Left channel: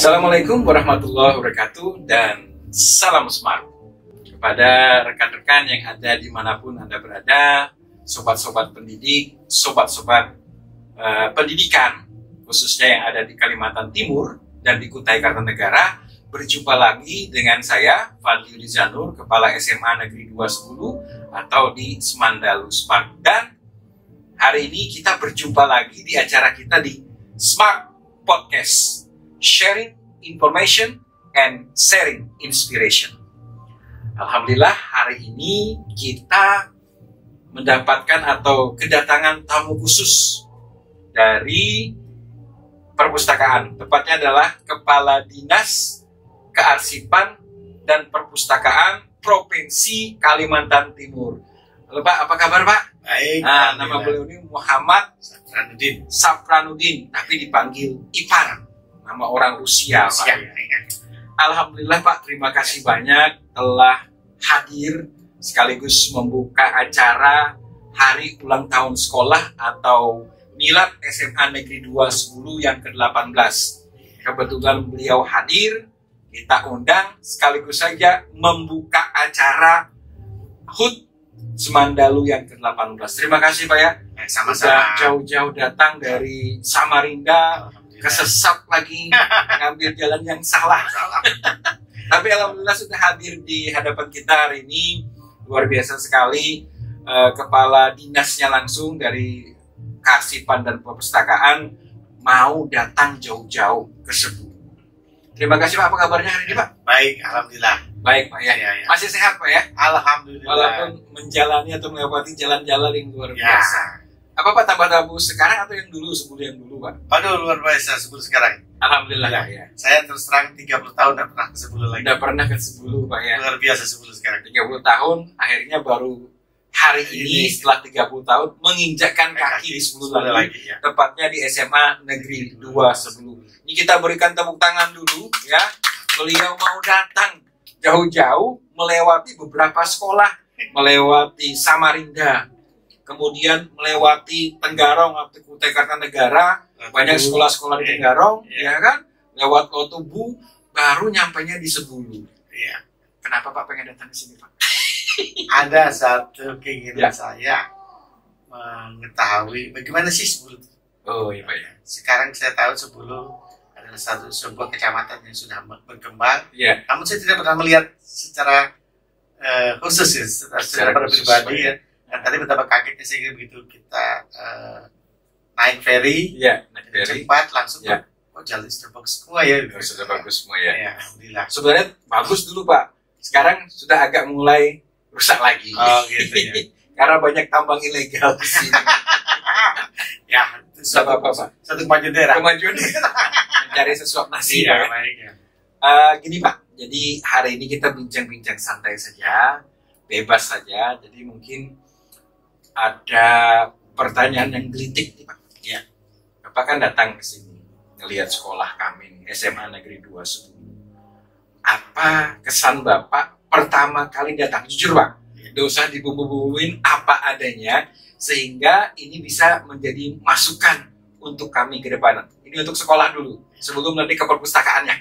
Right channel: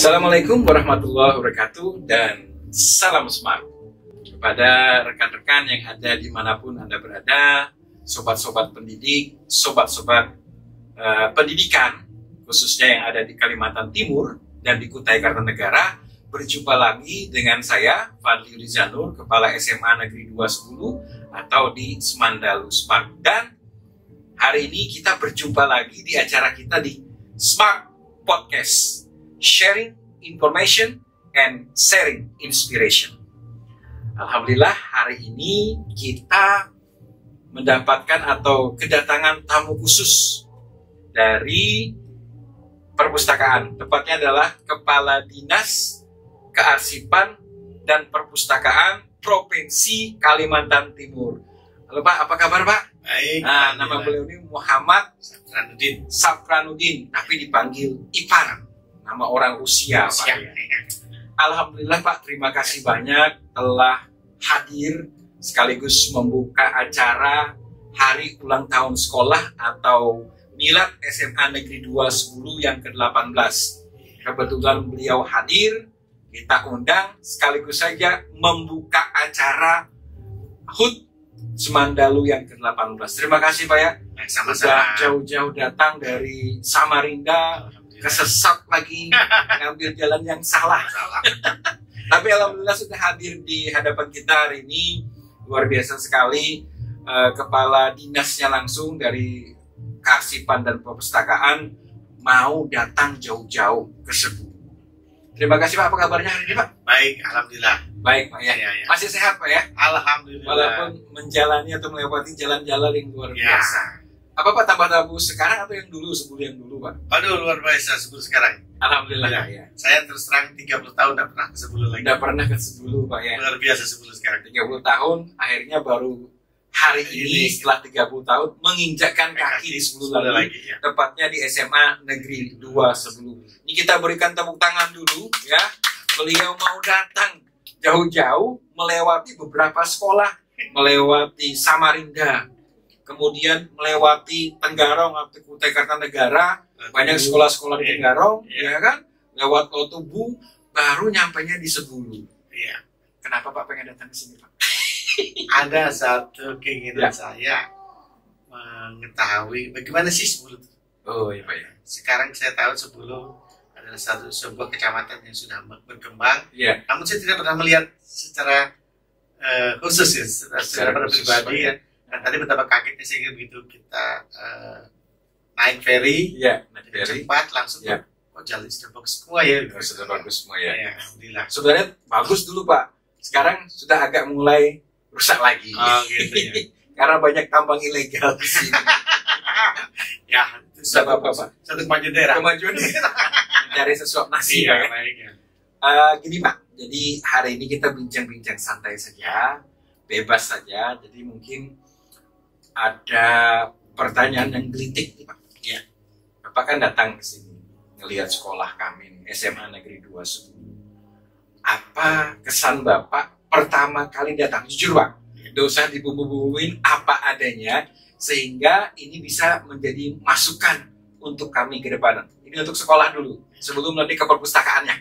Assalamualaikum warahmatullahi wabarakatuh dan salam smart kepada rekan-rekan yang ada dimanapun Anda berada, sobat-sobat pendidik, sobat-sobat pendidikan khususnya yang ada di Kalimantan Timur dan di Kutai Kartanegara. Berjumpa lagi dengan saya Fadli Rizanur, Kepala SMA Negeri 210 atau di Semandalu Smart. Dan hari ini kita berjumpa lagi di acara kita di Smart Podcast, sharing information and sharing inspiration. Alhamdulillah hari ini kita mendapatkan atau kedatangan tamu khusus dari perpustakaan. Tepatnya adalah Kepala Dinas Kearsipan dan Perpustakaan Provinsi Kalimantan Timur. Halo Pak, apa kabar Pak? Baik. Nama beliau ini Muhammad Safranuddin, tapi dipanggil Ipar. Nama orang Rusia, Pak. Alhamdulillah Pak, terima kasih banyak telah hadir sekaligus membuka acara Hari Ulang Tahun Sekolah atau Milad SMA Negeri 210 yang ke-18. Kebetulan beliau hadir, kita undang sekaligus saja membuka acara HUT Semandalu yang ke-18. Terima kasih Pak ya. Sama-sama. Jauh-jauh datang dari Samarinda, kesesat lagi ngambil jalan yang salah. Tapi alhamdulillah sudah hadir di hadapan kita hari ini. Luar biasa sekali. Kepala dinasnya langsung dari Kearsipan dan Perpustakaan mau datang jauh-jauh ke Sebu. Terima kasih Pak, apa kabarnya hari ini Pak? Baik, alhamdulillah. Baik Pak ya. Masih sehat Pak ya? Alhamdulillah. Walaupun menjalani atau melewati jalan-jalan yang luar biasa. Apa Pak, tambah tabu sekarang atau yang dulu, sebelum yang dulu Pak? Aduh, luar biasa sebelum sekarang. Alhamdulillah ya. Saya terus terang 30 tahun tidak pernah ke sebelum lagi. Tidak pernah ke sebelum Pak ya. Luar biasa sebelum sekarang. 30 tahun, akhirnya baru hari ini setelah 30 tahun menginjakkan kaki di sebelum lagi ya. Tepatnya di SMA Negeri 210. Ini kita berikan tepuk tangan dulu ya. Beliau mau datang jauh-jauh melewati beberapa sekolah, melewati Samarinda, kemudian melewati Tenggarong atau Kutai Kartanegara, banyak sekolah-sekolah di Tenggarong, ya kan? Lewat Lotubu, baru nyampainya di Sebulu. Iya. Kenapa Pak pengen datang ke sini Pak? Ada satu keinginan saya mengetahui bagaimana sih Sebulu. Oh iya Pak ya. Sekarang saya tahu Sebulu adalah sebuah kecamatan yang sudah berkembang. Iya. Namun saya tidak pernah melihat secara khusus ya, secara pribadi ya. Dan tadi betapa kagetnya sehingga begitu kita naik ferry, cepat langsung jalan sudah bagus semua ya. Sudah bagus semua ya. Alhamdulillah. Sebenarnya bagus dulu Pak. Sekarang sudah agak mulai rusak lagi. Oh gitu ya. Karena banyak tambang ilegal di sini. Ya, itu Apa Pak? satu kemajuan daerah. Kemajuan mencari sesuap nasi. Iya, ya. baik ya. Gini Pak, jadi hari ini kita bincang-bincang santai saja, bebas saja. Jadi mungkin ada pertanyaan yang gelitik nih Pak. Ya. Bapak kan datang ke sini ngelihat sekolah kami SMA Negeri 210. Apa kesan Bapak pertama kali datang? Jujur Pak, tidak usah dibumbu-bumbuin, apa adanya, sehingga ini bisa menjadi masukan untuk kami ke depan. Ini untuk sekolah dulu, sebelum nanti ke perpustakaannya.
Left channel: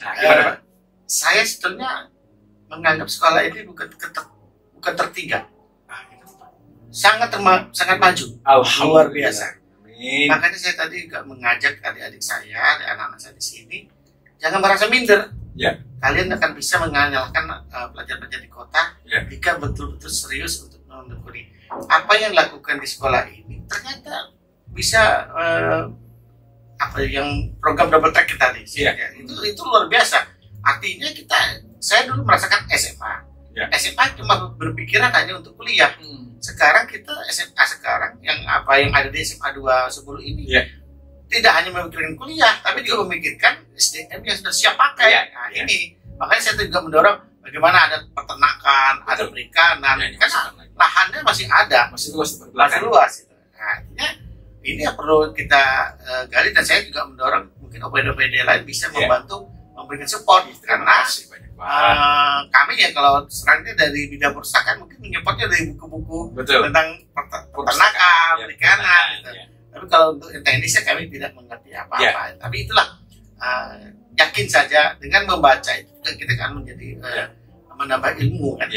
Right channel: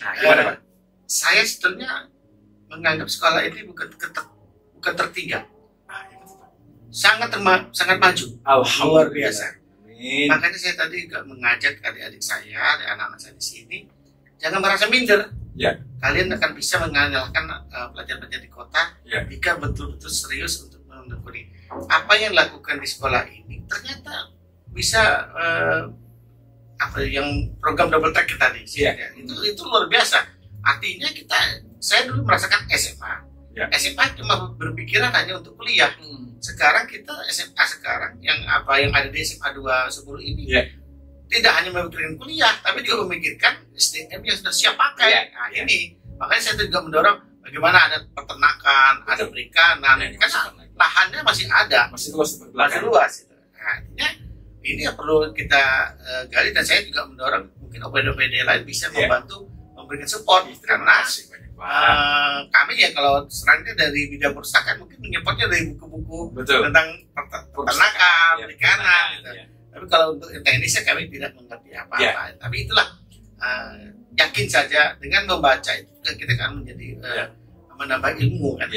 Nah, gimana Pak? Saya sebetulnya menganggap sekolah ini bukan tertinggal. Sangat maju. Luar biasa. Amin. Makanya saya tadi juga mengajak adik-adik saya, anak-anak saya di sini, jangan merasa minder. Ya. Kalian akan bisa mengalahkan pelajar-pelajar di kota jika betul-betul serius untuk menekuni. Apa yang dilakukan di sekolah ini ternyata bisa yang program double track kita nih. Itu luar biasa. Artinya saya dulu merasakan SMA. SMA cuma berpikiran hanya untuk kuliah. Sekarang kita SMA sekarang yang ada di SMA 210 ini tidak hanya memikirkan kuliah, tapi juga memikirkan SDM yang sudah siap pakai. Ini makanya saya juga mendorong bagaimana ada peternakan, ada perikanan, karena lahannya masih ada, masih luas. Artinya ini yang perlu kita gali, dan saya juga mendorong mungkin OPD-OPD lain bisa membantu memberikan support karena kami ya kalau serangnya dari bidang perpustakaan mungkin menyebutnya dari buku-buku tentang peternakan, perikanan gitu. Tapi kalau untuk teknisnya kami tidak mengerti apa-apa. Tapi itulah yakin saja dengan membaca itu kita akan menjadi menambah ilmu kan,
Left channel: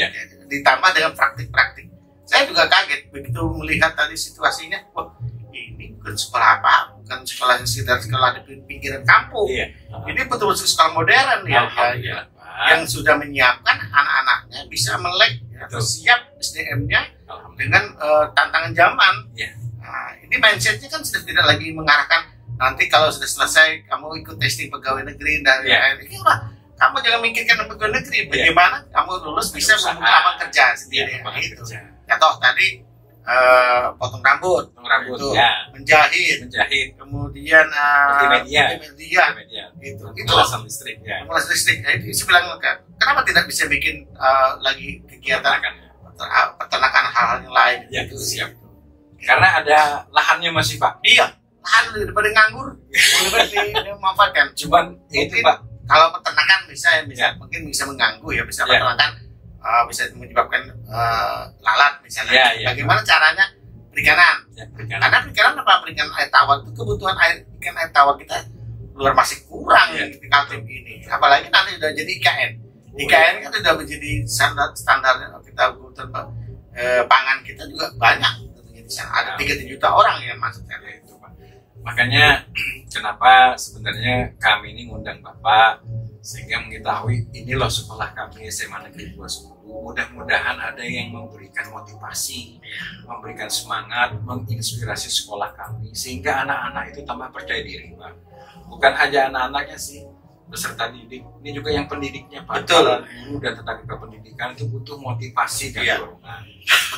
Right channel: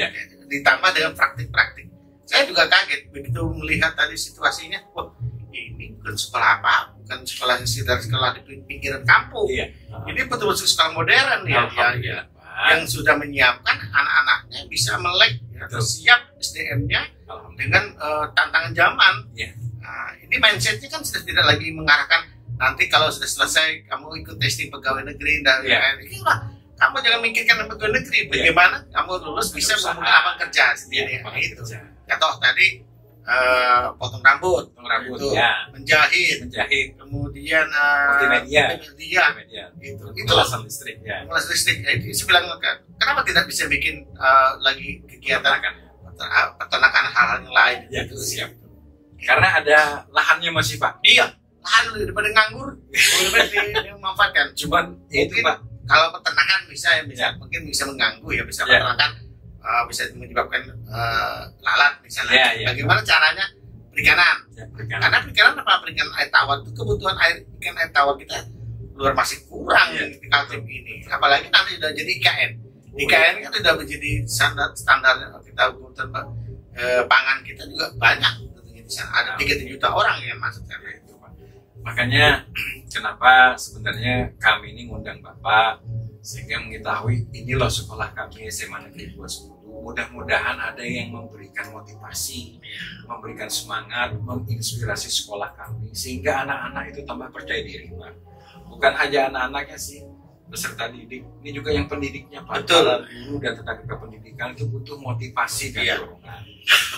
ditambah dengan praktik-praktik. Saya juga kaget begitu melihat tadi situasinya, wah ini bukan sekolah apa, bukan sekolah sekolah di pinggiran kampung, ini betul-betul sekolah modern yang sudah menyiapkan anak-anaknya bisa melek atau siap SDM-nya dengan tantangan zaman. Nah, ini mindsetnya kan sudah tidak lagi mengarahkan nanti kalau sudah selesai kamu ikut testing pegawai negeri dari kamu jangan mikirkan pegawai negeri, bagaimana kamu lulus bisa membuka lapangan kerja sendiri. Itu contoh tadi potong rambut itu, menjahit, kemudian multimedia itu pemulasan listrik, itu saya bilang kenapa tidak bisa bikin lagi kegiatan peternakan hal-hal yang lain itu siap. Karena ada lahannya masih Pak. Lahan daripada nganggur lebih dimanfaatkan. Cuman itu Pak, kalau peternakan bisa mungkin bisa mengganggu bisa peternakan bisa menyebabkan lalat misalnya. Bagaimana caranya perikanan? Karena perikanan perikanan air tawar itu kebutuhan ikan air tawar kita luar masih kurang di Kaltim ini. Apalagi nanti sudah jadi IKN. IKN kan sudah menjadi standar kita kebutuhan pangan kita juga banyak. Di sana ada 3 juta orang yang masuk sana itu Pak. Makanya kenapa sebenarnya kami ini ngundang Bapak sehingga mengetahui ini loh sekolah kami SMA Negeri 210. Mudah-mudahan ada yang memberikan motivasi, memberikan semangat, menginspirasi sekolah kami sehingga anak-anak itu tambah percaya diri Pak. Bukan hanya anak-anaknya sih, beserta didik, ini juga yang pendidiknya Pak. Betul. Guru dan tenaga kependidikan itu butuh motivasi dan dorongan.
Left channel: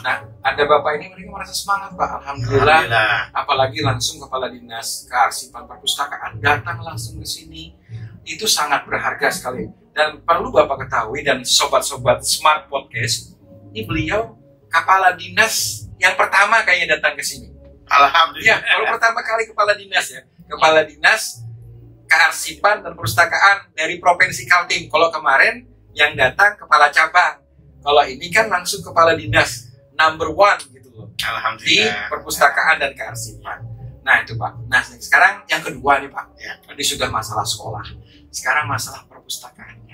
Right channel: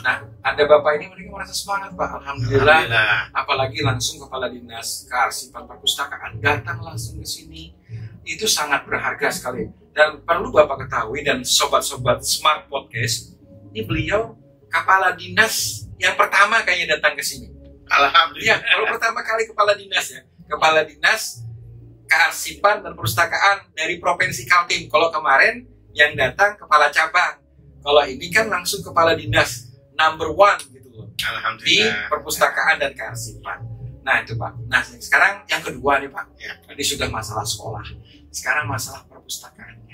Nah, ada Bapak ini mereka merasa semangat Pak. Alhamdulillah. Apalagi langsung Kepala Dinas Kearsipan Perpustakaan datang langsung ke sini. Itu sangat berharga sekali. Dan perlu Bapak ketahui dan sobat-sobat Smart Podcast, ini beliau Kepala Dinas yang pertama kayaknya datang ke sini. Alhamdulillah. Baru pertama kali Kepala Dinas Kepala Dinas Kearsipan dan Perpustakaan dari Provinsi Kaltim. Kalau kemarin yang datang Kepala Cabang. Kalau ini kan langsung Kepala Dinas number 1 gitu loh. Di Perpustakaan dan Kearsipan. Nah itu Pak. Nah sekarang yang kedua nih Pak. Tadi sudah masalah sekolah. Sekarang masalah perpustakaannya.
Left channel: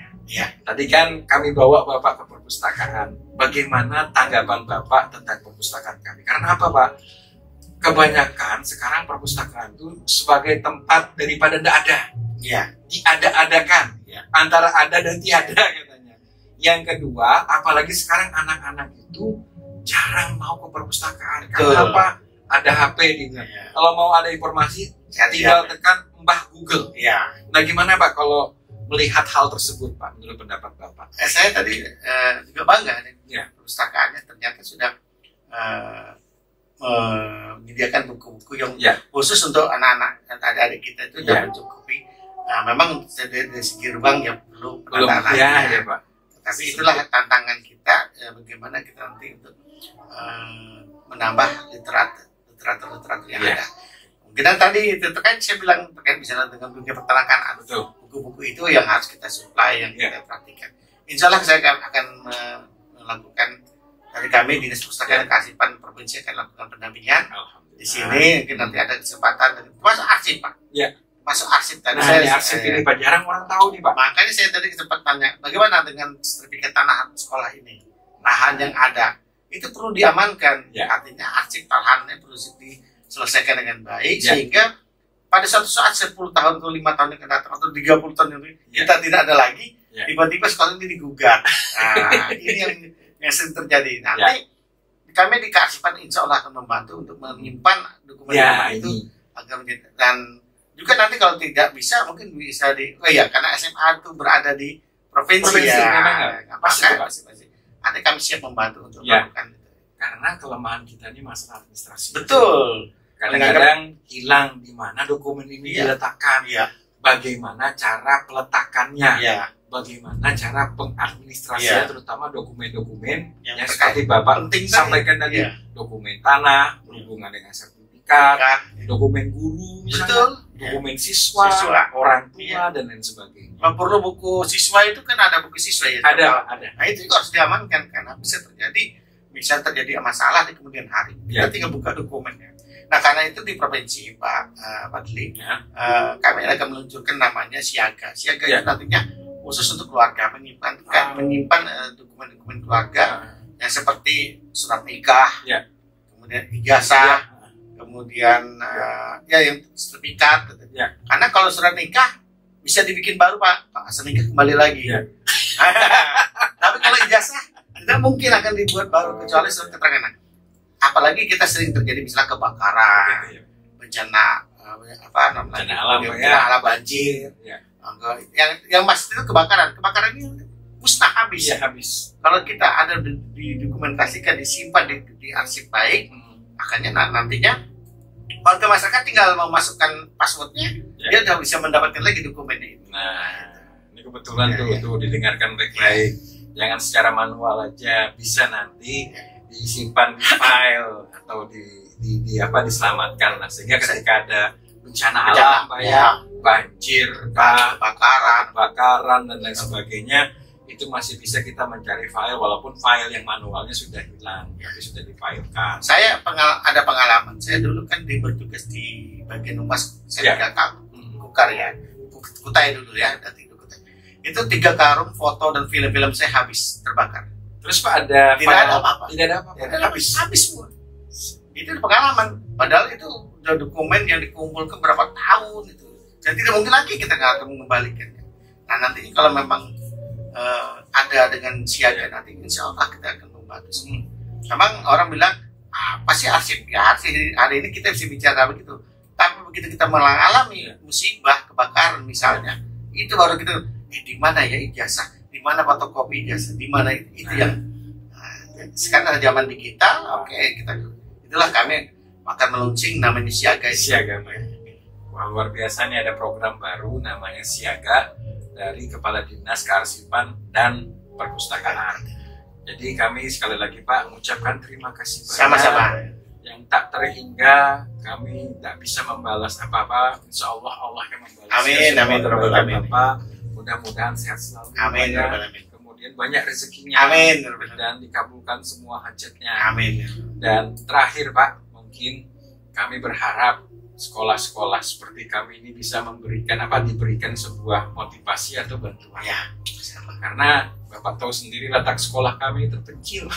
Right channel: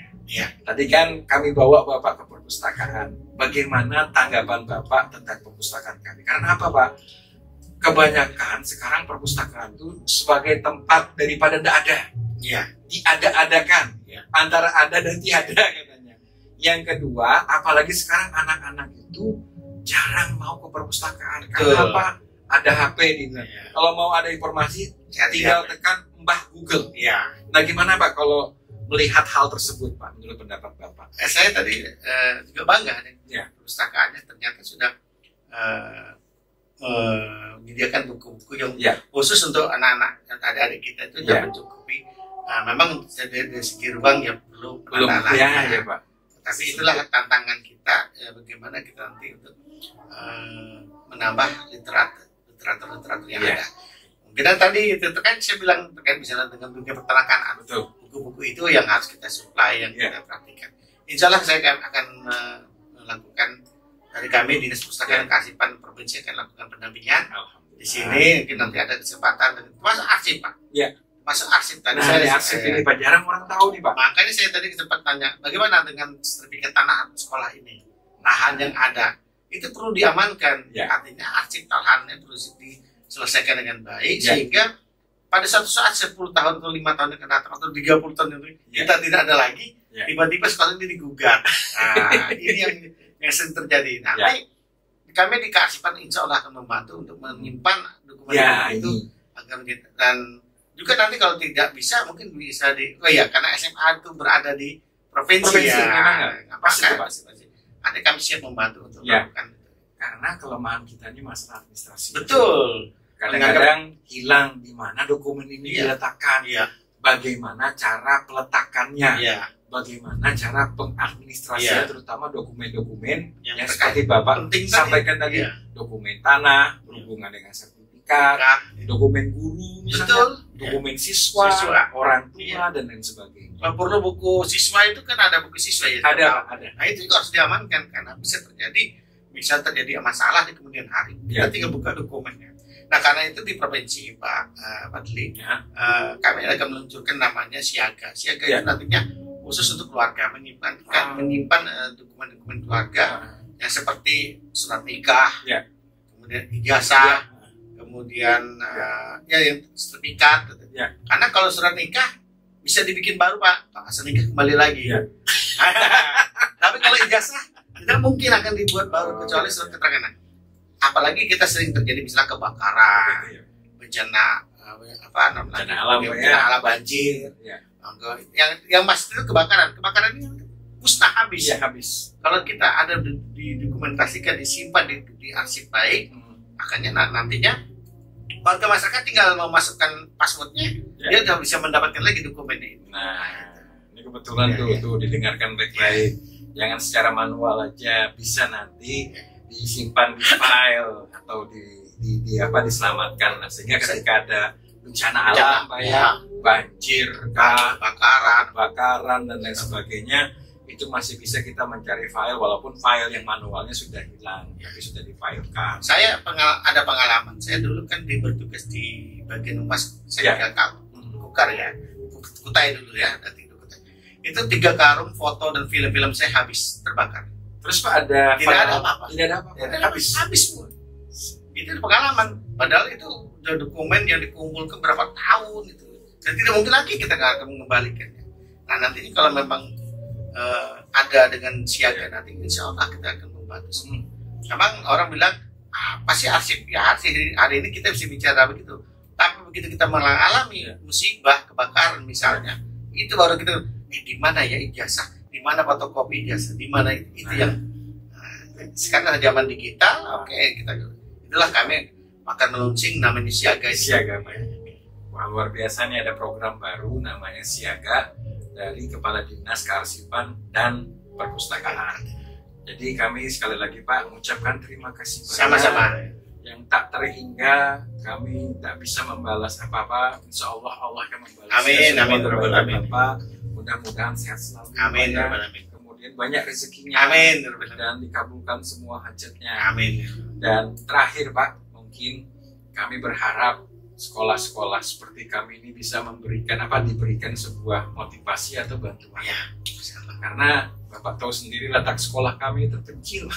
Tadi kan kami bawa Bapak ke perpustakaan. Bagaimana tanggapan Bapak tentang perpustakaan kami? Karena apa Pak? Kebanyakan sekarang perpustakaan itu sebagai tempat daripada tidak ada. Diada-adakan. Antara ada dan tiada katanya. Yang kedua, apalagi sekarang anak-anak itu jarang mau ke perpustakaan. Karena apa? Ada HP di sana. Kalau mau ada informasi, tinggal tekan Mbah Google. Nah gimana Pak kalau melihat hal tersebut Pak, menurut pendapat Bapak? Saya tadi juga bangga nih. Perpustakaannya ternyata sudah menyediakan buku-buku yang khusus untuk anak-anak dan adik-adik kita itu sudah mencukupi. Memang dari segi ruang belum Pak. Tapi itulah tantangan kita, bagaimana kita nanti untuk menambah literatur yang ada. Mungkin tadi terkait saya bilang terkait misalnya dengan dunia peternakan, buku-buku itu yang harus kita supply, yang kita praktikan. Insya Allah saya akan melakukan dari kami Dinas Perpustakaan dan Kearsipan Provinsi akan lakukan pendampingan di sini. Mungkin nanti ada kesempatan masuk arsip Pak. Masuk arsip tadi. Arsip ini Pak jarang orang tahu nih Pak. Makanya saya tadi sempat tanya, bagaimana dengan sertifikat tanah sekolah ini? Lahan yang ada itu perlu diamankan. Artinya arsip lahannya perlu diselesaikan dengan baik sehingga pada suatu saat 10 tahun atau 5 tahun yang akan datang atau 30 tahun yang kita tidak ada lagi, tiba-tiba sekolah ini digugat. Nah, ini yang sering terjadi. Nanti kami di Kearsipan insya Allah akan membantu untuk menyimpan dokumen itu agar dan juga nanti kalau tidak bisa mungkin bisa karena SMA itu berada di provinsi pasti. Nanti kami siap membantu untuk melakukan itu. Karena kelemahan kita ini masalah administrasi. Betul. Kadang-kadang hilang di mana dokumen ini diletakkan. Bagaimana cara peletakannya. Bagaimana cara pengadministrasian terutama dokumen-dokumen yang seperti Bapak sampaikan tadi. Dokumen tanah, berhubungan dengan sertifikat, dokumen guru misalnya, dokumen siswa, orang tua dan lain sebagainya. Kalau perlu buku siswa itu kan ada buku siswa ada. Nah itu juga harus diamankan karena bisa terjadi masalah di kemudian hari. Kita tinggal buka dokumennya. Nah karena itu di provinsi Pak Fadli, kami akan meluncurkan namanya Siaga. Siaga itu nantinya khusus untuk keluarga, menyimpan dokumen-dokumen keluarga yang seperti surat nikah, kemudian ijazah, kemudian yang sertifikat. Karena kalau surat nikah bisa dibikin baru Pak asal nikah kembali lagi. Tapi kalau ijazah tidak mungkin akan dibuat baru kecuali surat keterangan. Apalagi kita sering terjadi misalnya kebakaran, bencana alam, banjir, yang pasti itu kebakaran ini musnah habis. Kalau kita ada didokumentasikan, disimpan di arsip baik, akhirnya nantinya warga masyarakat tinggal memasukkan passwordnya, dia sudah bisa mendapatkan lagi dokumennya itu. Ini kebetulan tuh didengarkan baik-baik. Jangan secara manual aja, bisa nanti disimpan di file atau diselamatkan lah, sehingga ketika ada bencana alam banjir, kebakaran dan lain sebagainya, itu masih bisa kita mencari file walaupun file yang manualnya sudah hilang tapi sudah difilekan. Saya ada pengalaman, saya dulu kan bertugas di bagian humas Kutai dulu ya, itu 3 karung foto dan film-film saya habis terbakar. Terus Pak ada tidak ada apa-apa. Habis semua. Itu pengalaman. Padahal itu udah dokumen yang dikumpulkan berapa tahun itu. Dan tidak mungkin lagi kita akan mengembalikannya. Nah nantinya kalau memang ada dengan Siaga nanti insya Allah kita akan membantu semua. Memang orang bilang apa sih arsip? Ya arsip hari ini kita bisa bicara begitu. Tapi begitu kita mengalami musibah kebakaran misalnya, itu baru kita di mana ya ijazah, di mana fotokopi ijazah, di mana itu yang sekarang ada zaman digital. Itulah kami akan meluncing namanya Siaga. Wah, luar biasa nih, ada program baru namanya Siaga dari Kepala Dinas Kearsipan dan Perpustakaan. Jadi kami sekali lagi Pak mengucapkan terima kasih banyak. Sama-sama. Yang tak terhingga kami tak bisa membalas apa-apa. Insya Allah Allah yang membalas. Amin. Bapak. Mudah-mudahan sehat selalu. Amin. Kemudian banyak rezekinya. Amin. Dan dikabulkan semua hajatnya. Amin. Dan terakhir Pak, mungkin kami berharap sekolah-sekolah seperti kami ini bisa diberikan sebuah motivasi atau bantuan. Karena Bapak tahu sendiri letak sekolah kami terpencil.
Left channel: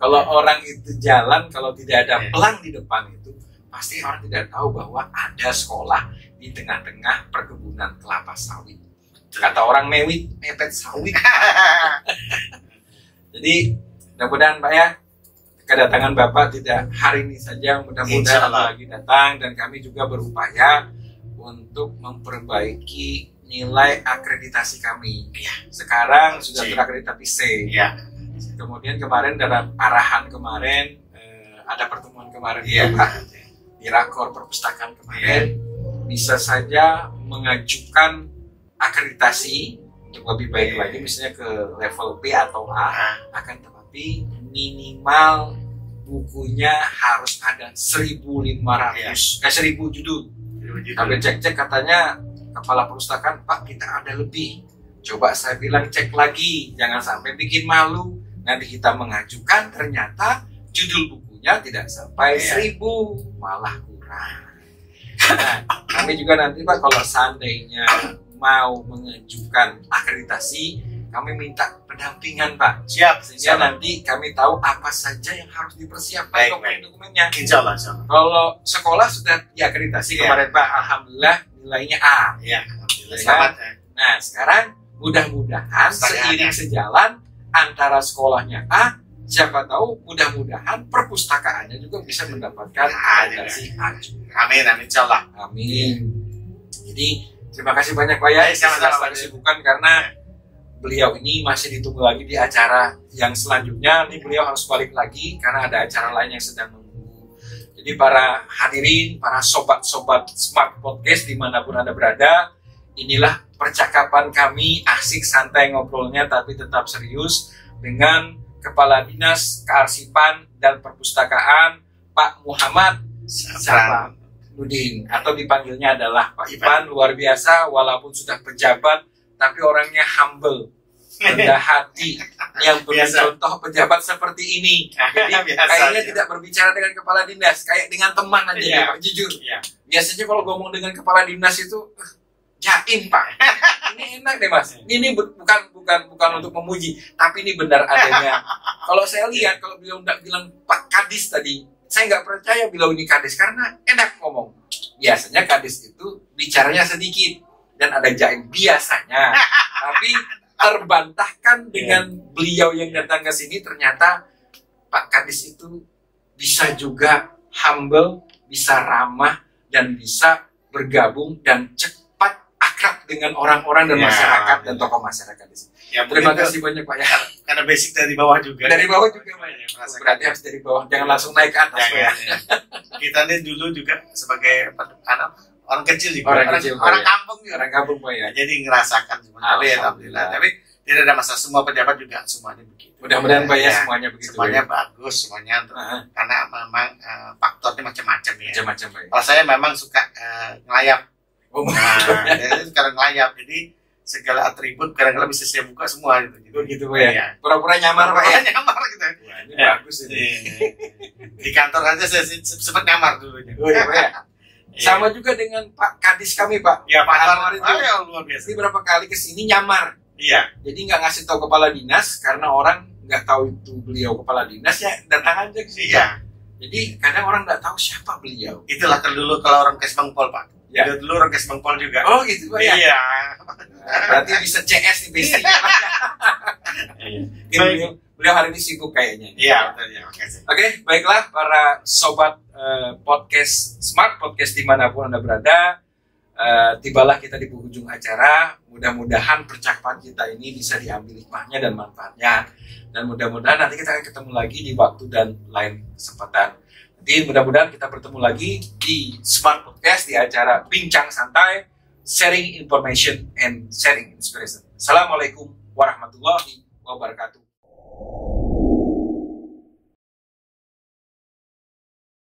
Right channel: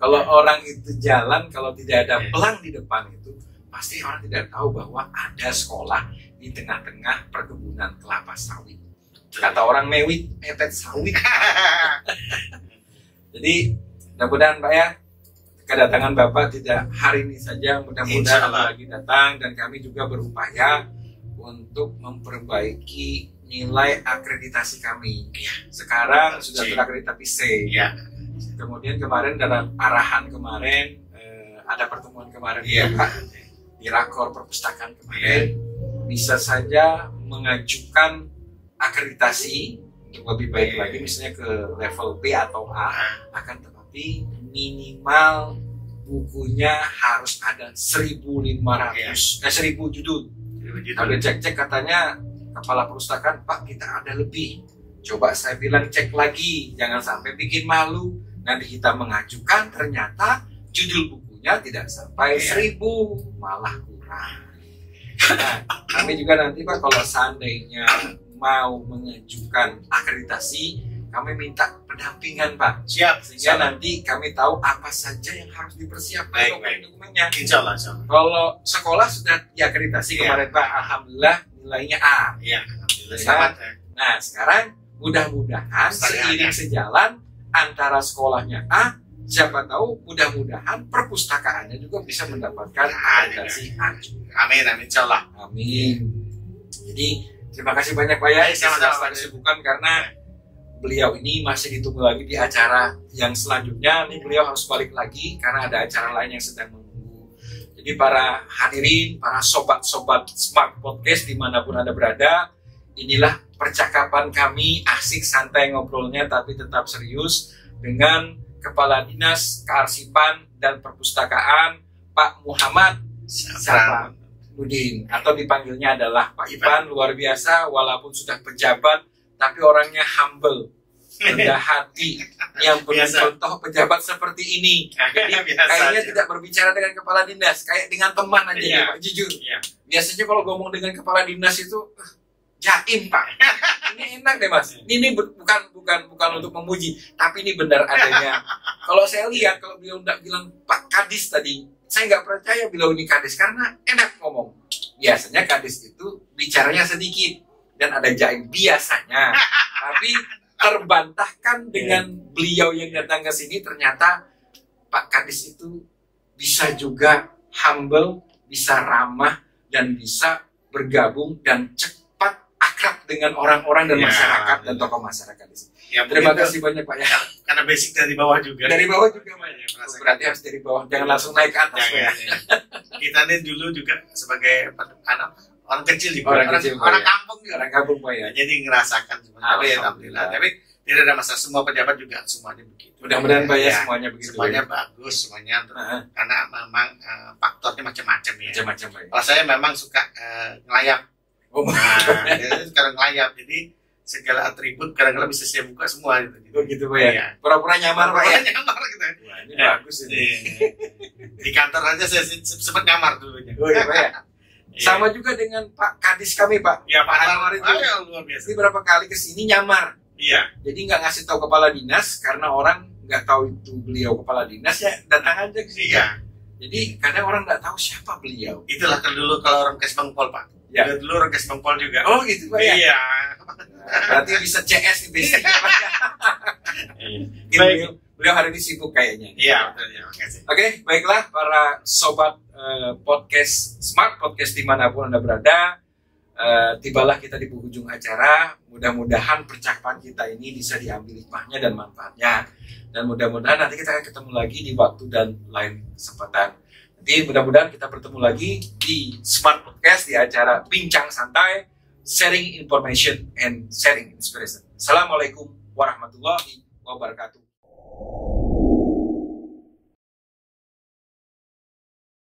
Kalau orang itu jalan, kalau tidak ada pelang di depan itu, pasti orang tidak tahu bahwa ada sekolah di tengah-tengah perkebunan kelapa sawit. Kata orang mewit, mepet sawit. Jadi mudah-mudahan Pak ya, kedatangan Bapak tidak hari ini saja, mudah-mudahan lagi datang, dan kami juga berupaya untuk memperbaiki nilai akreditasi kami. Sekarang sudah terakreditasi C. Kemudian kemarin dalam arahan kemarin ada pertemuan kemarin Pak di Rakor Perpustakaan kemarin, bisa saja mengajukan akreditasi untuk lebih baik lagi, misalnya ke level B atau A, akan tetapi minimal bukunya harus ada 1.500 1.000 judul. Tapi cek katanya Kepala Perpustakaan, Pak kita ada lebih. Coba saya bilang cek lagi, jangan sampai bikin malu. Nanti kita mengajukan ternyata judul bukunya tidak sampai 1.000, malah kurang. Nah, kami juga nanti Pak kalau seandainya mau mengajukan akreditasi, kami minta pendampingan Pak. Sehingga nanti kami tahu apa saja yang harus dipersiapkan dokumen-dokumennya. Insya Allah. Kalau sekolah sudah diakreditasi kemarin Pak, alhamdulillah nilainya A. Selamat. Nah sekarang mudah-mudahan seiring sejalan antara sekolahnya A, siapa tahu mudah-mudahan perpustakaannya juga bisa mendapatkan akreditasi A. Amin, insya Allah. Amin. Jadi terima kasih banyak Pak ya. Sama-sama kesibukan karena beliau ini masih ditunggu lagi di acara yang selanjutnya. Ini beliau harus balik lagi karena ada acara lain yang sedang menunggu. Jadi para hadirin, para sobat-sobat Smart Podcast dimanapun Anda berada, inilah percakapan kami, asik santai ngobrolnya tapi tetap serius dengan Kepala Dinas Kearsipan dan Perpustakaan Pak Muhammad Nudin, atau dipanggilnya adalah Pak Ipan. Luar biasa, walaupun sudah pejabat tapi orangnya humble, rendah hati, yang contoh pejabat seperti ini. Jadi kayaknya tidak berbicara dengan kepala dinas, kayak dengan teman aja ya, Pak, jujur. Biasanya kalau ngomong dengan kepala dinas itu jaim, Pak. Ini enak deh, Mas. Ini bukan untuk memuji, tapi ini benar adanya. Kalau saya lihat, kalau beliau nggak bilang Pak Kadis tadi, saya nggak percaya beliau ini Kadis karena enak ngomong. Biasanya Kadis itu bicaranya sedikit dan ada jaim biasanya, tapi terbantahkan dengan beliau yang datang ke sini. Ternyata Pak Kadis itu bisa juga humble, bisa ramah, dan bisa bergabung dan cepat akrab dengan orang-orang dan masyarakat dan tokoh masyarakat di sini. Terima kasih banyak, Pak ya. Karena basic dari bawah juga. Dari bawah juga, Pak. Berarti harus dari bawah, jangan langsung naik ke atas. Ya. Kita ini dulu juga sebagai orang kecil juga, orang kampung juga. Orang kampung, Pak ya. Jadi ngerasakan sebenarnya, alhamdulillah. Tapi tidak ada masalah, semua pejabat juga semuanya begitu. Mudah-mudahan Pak ya, semuanya begitu. Semuanya bagus, semuanya karena memang faktornya macam-macam ya. Macam-macam, Pak. Kalau saya memang suka ngelayap. Jadi sekarang ngelayap, jadi segala atribut kadang-kadang bisa saya buka semua gitu. Gitu, Pak ya. Pura-pura nyamar, Pak ya. Nyamar gitu. Wah, ini bagus ini. Di kantor aja saya sempat nyamar dulunya. Oh iya, Pak ya. Sama juga dengan Pak Kadis kami, Pak. Ya, Pak Anwar itu luar biasa. Ini berapa kali kesini nyamar. Iya. Jadi nggak ngasih tahu kepala dinas karena orang nggak tahu itu beliau kepala dinas, ya datang aja ke sini. Iya. Jadi kadang orang nggak tahu siapa beliau. Itulah kan dulu kalau orang Kesbangpol, Pak. Ya. Dulu orang Kesbangpol juga. Oh gitu, Pak ya. Iya. Berarti bisa CS di basicnya, Pak. Beliau hari ini sibuk kayaknya. Iya, betul ya. Makasih. Oke, baiklah para sobat podcast Smart Podcast dimanapun Anda berada. Tibalah kita di penghujung acara. Mudah-mudahan percakapan kita ini bisa diambil hikmahnya dan manfaatnya, dan mudah-mudahan nanti kita akan ketemu lagi di waktu dan lain kesempatan. Jadi mudah-mudahan kita bertemu lagi di Smart Podcast di acara Bincang Santai, Sharing Information and Sharing Inspiration. Assalamualaikum warahmatullahi wabarakatuh.